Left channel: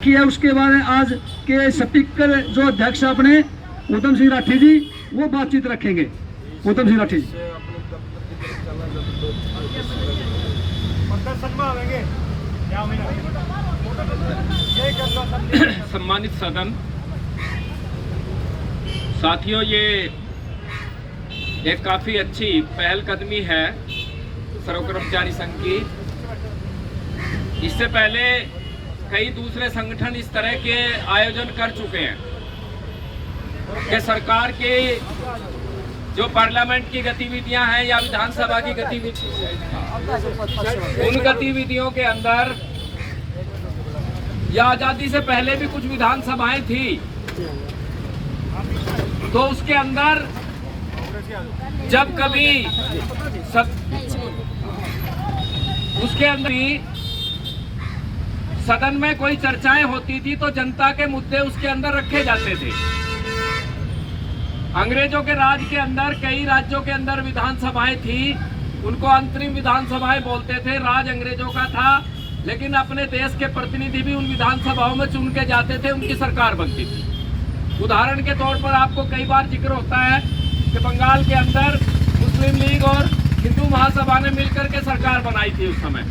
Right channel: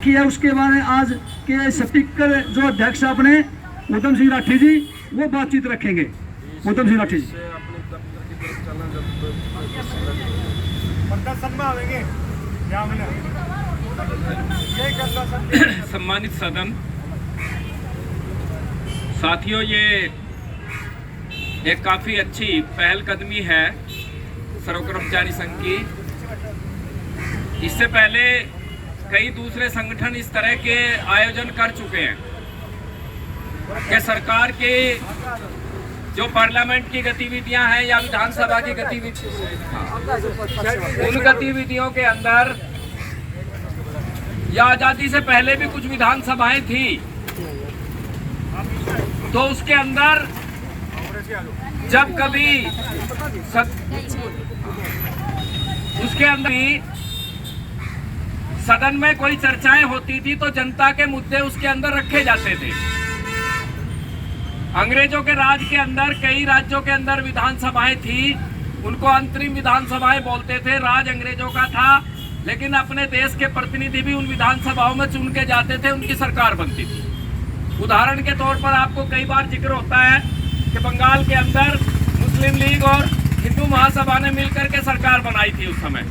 किया। उसके बाद आज के स्पीकर जो अध्यक्ष अपने उत्तम सिंह राठी जी वो बातचीत रखेंगे। उत्तम सिंह राठी जी सम्मानित सदन, साथियों, ये एक काफी अच्छी पहलकदमी है सर्व कर्मचारी संघ की। इससे पहले कई दूसरे संगठन इस तरह के आयोजन कर चुके हैं कि सरकार की जो पार्लियामेंट की गतिविधियां हैं या विधानसभा की गतिविधियां, उन गतिविधियों के अंदर या आजादी से पहले भी कुछ विधानसभाएं थी, तो उसके अंदर जब कभी उसके अंदर ही सदन में कोई चर्चाएं होती थी तो जनता के मुद्दे उसके अंदर रखे जाते थे। अंग्रेजों के राज के अंदर कई राज्यों के अंदर विधानसभाएं थी, उनको अंतरिम विधानसभाएं बोलते थे। राज अंग्रेजों का था, लेकिन अपने देश के प्रतिनिधि भी उन विधानसभाओं में चुन के जाते थे, उनकी सरकार बनती थी। उदाहरण के तौर पर आपको कई बार जिक्र होता है कि बंगाल के अंदर मुस्लिम लीग और हिंदू महासभा ने मिलकर के सरकार बनाई थी उस समय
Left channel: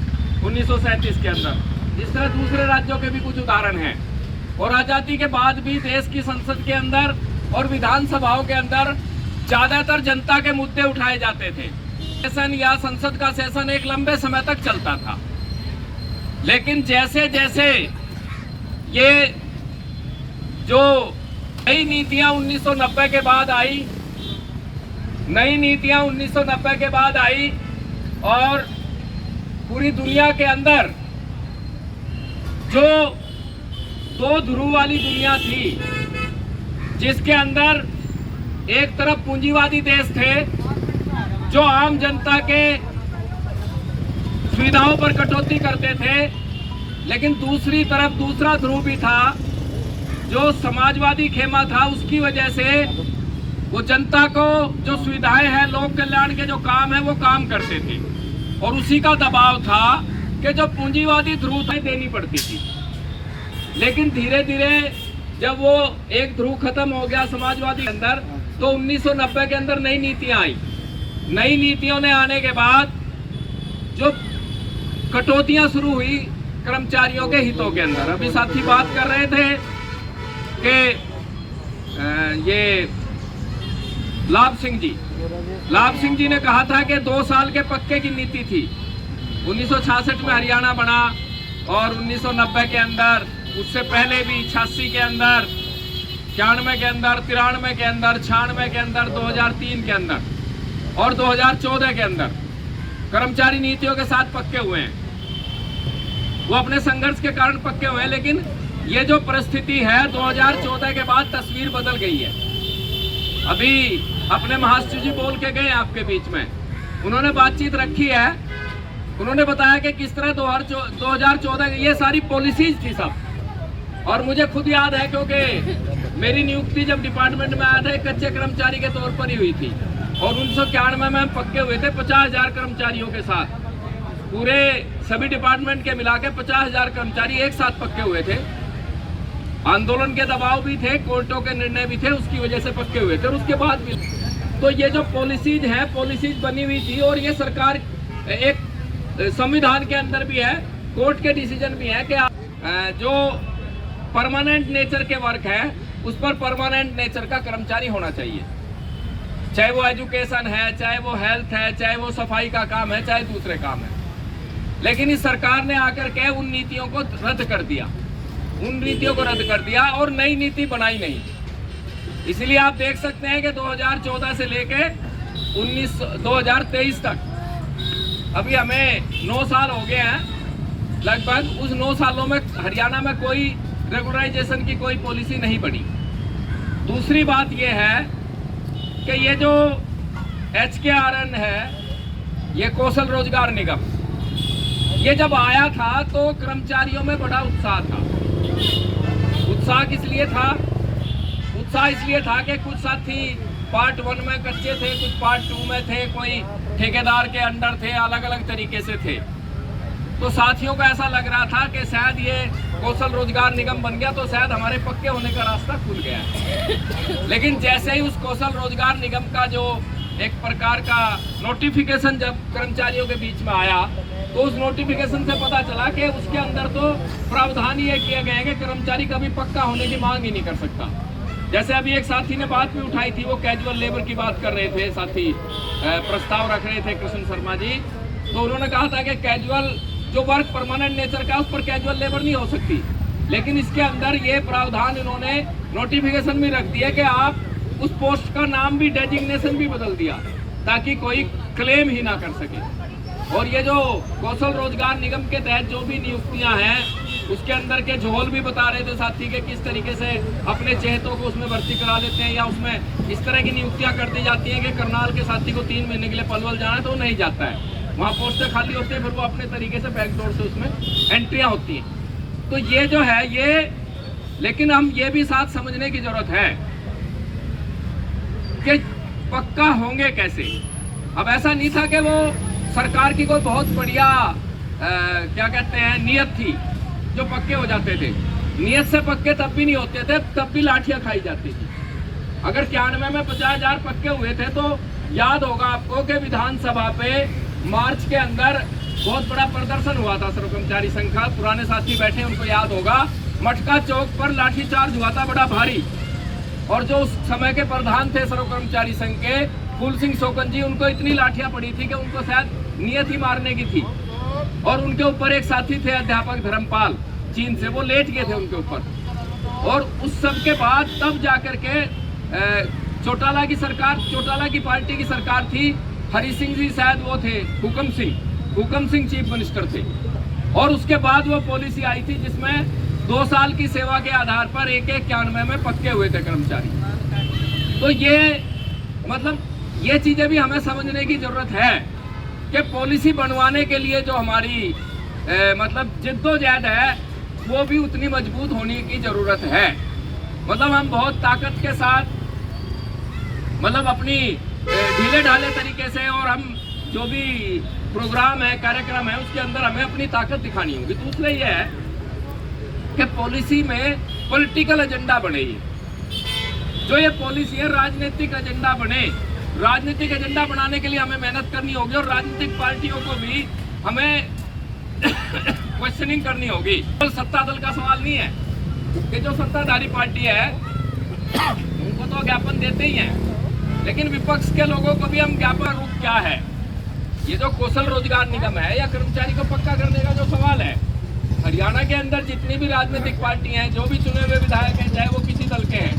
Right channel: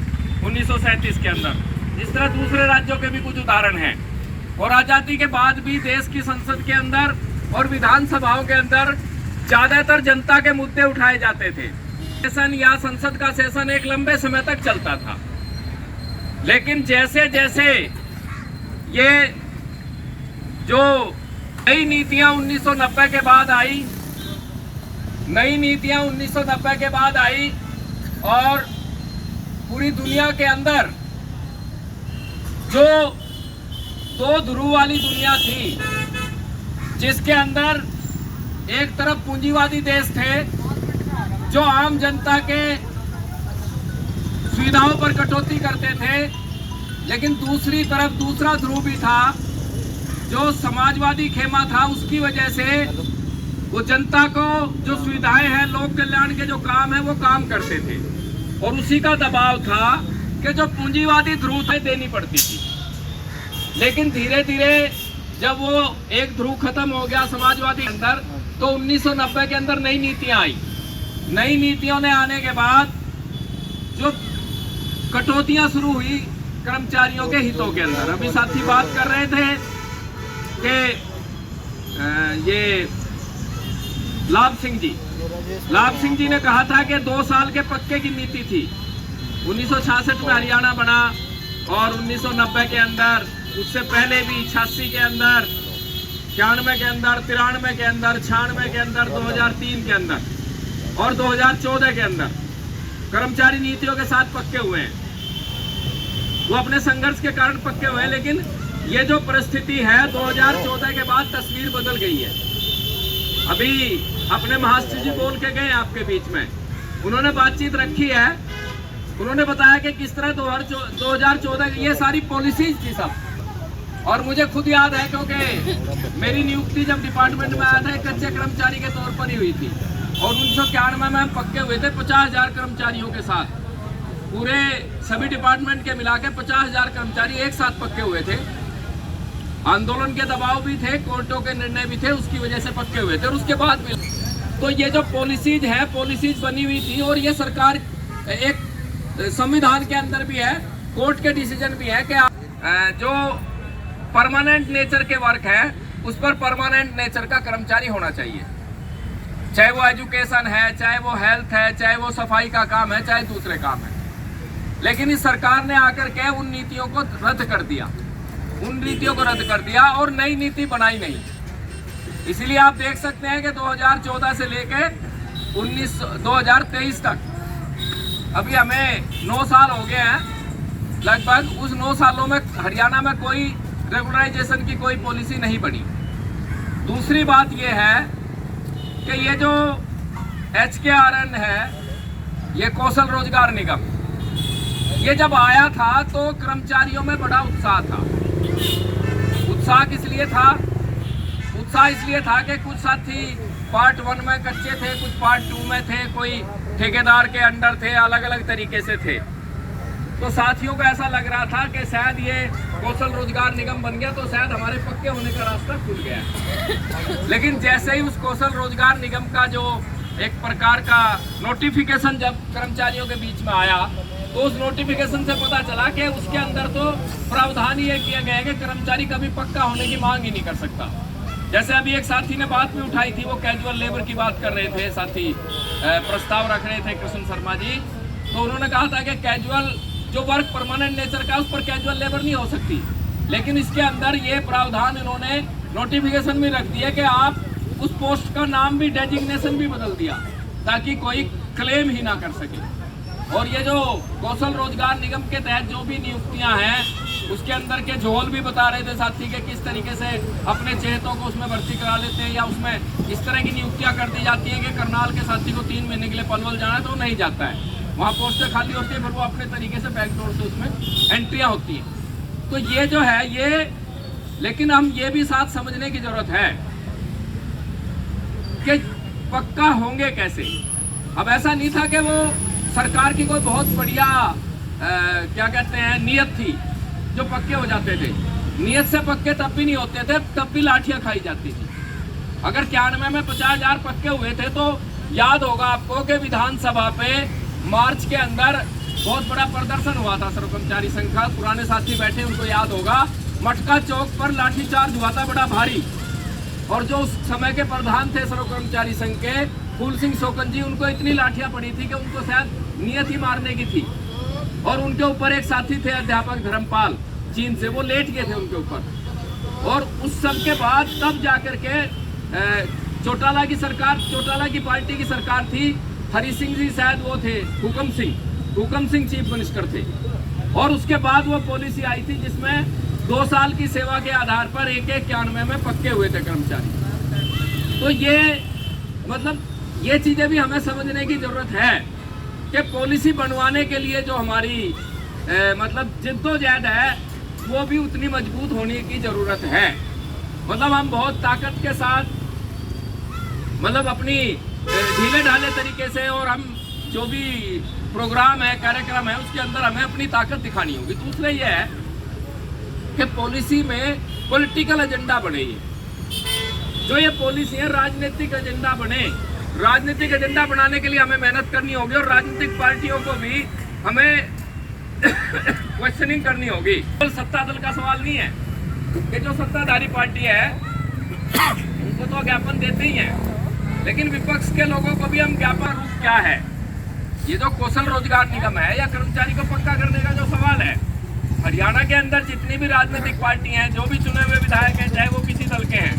1937 के अंदर। इस तरह दूसरे राज्यों के भी कुछ उदाहरण हैं। और आजादी के बाद भी देश की संसद के अंदर और विधानसभाओं के अंदर ज्यादातर जनता के मुद्दे उठाए जाते थे। सेशन या संसद का सेशन एक लंबे समय तक चलता था, लेकिन जैसे जैसे ये जो नई नीतियां 1990 के बाद आई, और पूरी दुनिया के अंदर जो दो ध्रुव वाली दुनिया थी, जिसके अंदर एक तरफ पूंजीवादी देश थे जो आम जनता के सुविधाओं पर कटौती करते थे, लेकिन दूसरी तरफ दूसरा ध्रुव भी था जो समाजवादी खेमा था। उसकी वजह से वो जनता को जो सुविधाएं हैं, लोक कल्याण के जो काम है, वो काम करते थे। और उसी का दबाव था कि जो पूंजीवादी ध्रुव थे देनी पड़ती थी। लेकिन धीरे धीरे जब वो एक ध्रुव खत्म हो गया समाजवादी के अंदर, तो 1990 के अंदर नई नीतियां आई। नई नीतियों ने आने के बाद जो कटौतियां शुरू हुई कर्मचारियों के हितों के अंदर। अभी साथी बात कर रहे थे कि ये लाभ सिंह जी ने कहा था कि 2 साल के पक्के की नीति थी। 1966 में हरियाणा बना और 1990 के अंदर, उससे पहले भी 86 के अंदर, 91 के अंदर, 93 के अंदर, 96 के अंदर, 2003 के अंदर और 2014 के अंदर कर्मचारी नीतियों के साथ पक्के हुए हैं। वो अपने संघर्ष के कारण पक्के हुए हैं, लेकिन ये जो परिस्थिति है 2014 के बाद तस्वीर बदल गई है। अभी अपने महाराष्ट्र जी बोल के गए आपके बीच में, उन्होंने बातचीत रखी है। उन्होंने बताया कि किस तरह 2014 ये सारी पॉलिसीज थी सब। और मुझे खुद याद है, क्योंकि मेरी नियुक्ति जब डिपार्टमेंट में आया था एक कच्चे कर्मचारी के तौर पर ही हुई थी, और 1991 में हम पक्के हुए थे 50,000 कर्मचारियों के साथ। पूरे सभी डिपार्टमेंट के मिला के 50,000 कर्मचारी एक साथ पक्के हुए थे। आंदोलन के दबाव भी थे, कोर्टों के निर्णय भी थे, उसकी वजह से पक्के हुए थे। और उसके बाद भी तो ये जो पॉलिसीज बनी हुई थी, और ये सरकार एक संविधान के अंदर भी है, कोर्ट के डिसीजन भी है कि जो परमानेंट नेचर के वर्क है उस पर परमानेंट नेचर का कर्मचारी होना चाहिए। चाहे वो एजुकेशन है, चाहे वो हेल्थ है, चाहे वो सफाई का काम है, चाहे दूसरे काम है। लेकिन इस सरकार ने आकर के उन नीतियों को रद्द कर दिया और नई नीति बनाई नहीं। इसलिए आप देख सकते हैं कि 2014 से लेके 2023 तक अभी हमें 9 साल हो गए हैं लगभग। उस 9 सालों में हरियाणा में कोई रेगुलराइजेशन की कोई पॉलिसी नहीं बनी। दूसरी बात यह है कि ये जो HKRN है, ये कौशल रोजगार निगम, ये जब आया था तो कर्मचारियों में बड़ा उत्साह था। उत्साह किस लिए था? उत्साह इसलिए था कि कुछ साथी पार्ट 1 में कच्चे थे, कुछ पार्ट 2 में थे, कोई ठेकेदार के अंडर थे, अलग अलग तरीके से थे। तो तो साथियों को ऐसा लग रहा था कि शायद ये कौशल रोजगार निगम बन गया तो शायद हमारे पक्के होने का रास्ता खुल गया है। लेकिन जैसे ही उस कौशल रोजगार निगम का जो एक प्रकार का नोटिफिकेशन जब कर्मचारियों के बीच में आया, तो उस नोटिफिकेशन से पता चला कि उसके अंदर तो प्रावधान ये किया गया है कि कर्मचारी कभी पक्का होने की मांग ही नहीं कर सकता। जैसे अभी एक साथी ने बात भी उठाई थी, वो कैजुअल लेबर की बात कर रहे थे, साथी प्रस्ताव रख रहे थे कृष्ण शर्मा जी, तो उन्होंने कहा था कि कैजुअल जो वर्क परमानेंट नेचर का, उस पर कैजुअल लेबर नहीं हो सकती। लेकिन इसके अंदर ये प्रावधान इन्होंने नोटिफिकेशन में रख दिया कि आप उस पोस्ट का नाम भी, डेजिग्नेशन भी बदल दिया ताकि कोई क्लेम ही ना कर सके। और ये जो कौशल रोजगार निगम के तहत जो भी नियुक्तियां हैं, उसके अंदर के झोल भी बता रहे थे साथी के किस तरीके से अपने चेहतों को उसमें भर्ती करा लेते हैं, या उसमें इस तरह की नियुक्तियां कर दी जाती हैं कि करनाल के साथी को 3 महीने के लिए पलवल जाना है तो वो नहीं जाता है, वहाँ पोस्टें खाली होती है, फिर वो अपने तरीके से बैकडोर से उसमें एंट्रियां होती हैं। तो ये जो है ये, लेकिन हम ये भी साथ समझने की जरूरत है कि पक्का होंगे कैसे। अब ऐसा नहीं था कि वो सरकार की कोई बहुत बढ़िया क्या कहते हैं नियत थी जो पक्के हो जाते थे। नियत से पक्के तब भी नहीं होते थे, तब भी लाठियां खाई जाती थी। अगर 91 में 50,000 पक्के हुए थे तो याद होगा आपको कि विधानसभा पे मार्च के अंदर बहुत बड़ा प्रदर्शन हुआ था सर्व कर्मचारी संघ का। पुराने साथी बैठे, उनको याद होगा, मटका चौक पर लाठीचार्ज हुआ था बड़ा भारी। और जो उस समय के प्रधान थे सर्व कर्मचारी संघ के, फूल सिंह शोकन जी, उनको इतनी लाठियां पड़ी थी कि उनको शायद नियत ही मारने की थी। और उनके ऊपर एक साथी थे अध्यापक धर्मपाल चीन से, वो लेट गए थे उनके ऊपर। और उस सब के बाद तब जाकर के चौटाला की सरकार, चौटाला की पार्टी की सरकार थी, हरि सिंह जी शायद वो थे, हुकम सिंह चीफ मिनिस्टर थे। और उसके बाद वो पॉलिसी आई थी जिसमें 2 साल की सेवा के आधार पर 91 में पक्के हुए थे कर्मचारी। तो ये मतलब ये चीजें भी हमें समझने की जरूरत है कि पॉलिसी बनवाने के लिए जो हमारी मतलब जिद्दोजहद है वो भी उतनी मजबूत होने की जरूरत है। मतलब हम बहुत ताकत के साथ, मतलब अपनी ढीले ढाले तरीके से, और हम जो भी प्रोग्राम है, कार्यक्रम है, उसके अंदर हमें अपनी ताकत दिखानी होगी। दूसरा ये है कि पॉलिसी में पॉलिटिकल एजेंडा बने, जो ये पॉलिसी है राजनीतिक एजेंडा बने। राजनीतिक एजेंडा बनाने के लिए हमें मेहनत करनी होगी और राजनीतिक पार्टियों को भी हमें क्वेश्चनिंग करनी होगी। तो सत्ता दल का सवाल नहीं है कि जो सत्ताधारी पार्टी है उनको तो ज्ञापन देते ही हैं, लेकिन विपक्ष के लोगों को भी हम ज्ञापन रूप क्या है, ये जो कौशल रोजगार निगम है या कर्मचारी को पक्का करने का जो सवाल है, हरियाणा के अंदर जितनी भी राजनीतिक पार्टी हैं, जो भी चुने हुए विधायक हैं, चाहे वो किसी दल के हैं,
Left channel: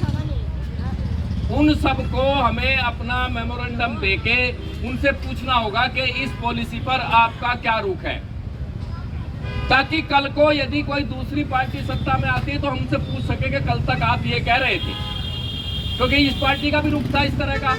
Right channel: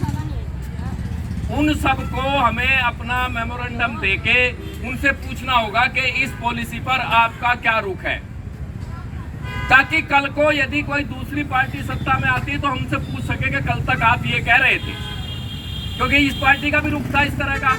उन सबको हमें अपना मेमोरेंडम देके उनसे पूछना होगा कि इस पॉलिसी पर आपका क्या रुख है, ताकि कल को यदि कोई दूसरी पार्टी सत्ता में आती है तो हमसे पूछ सके कि कल तक आप ये कह रहे थे, क्योंकि इस पार्टी का भी रुख था इस तरह का।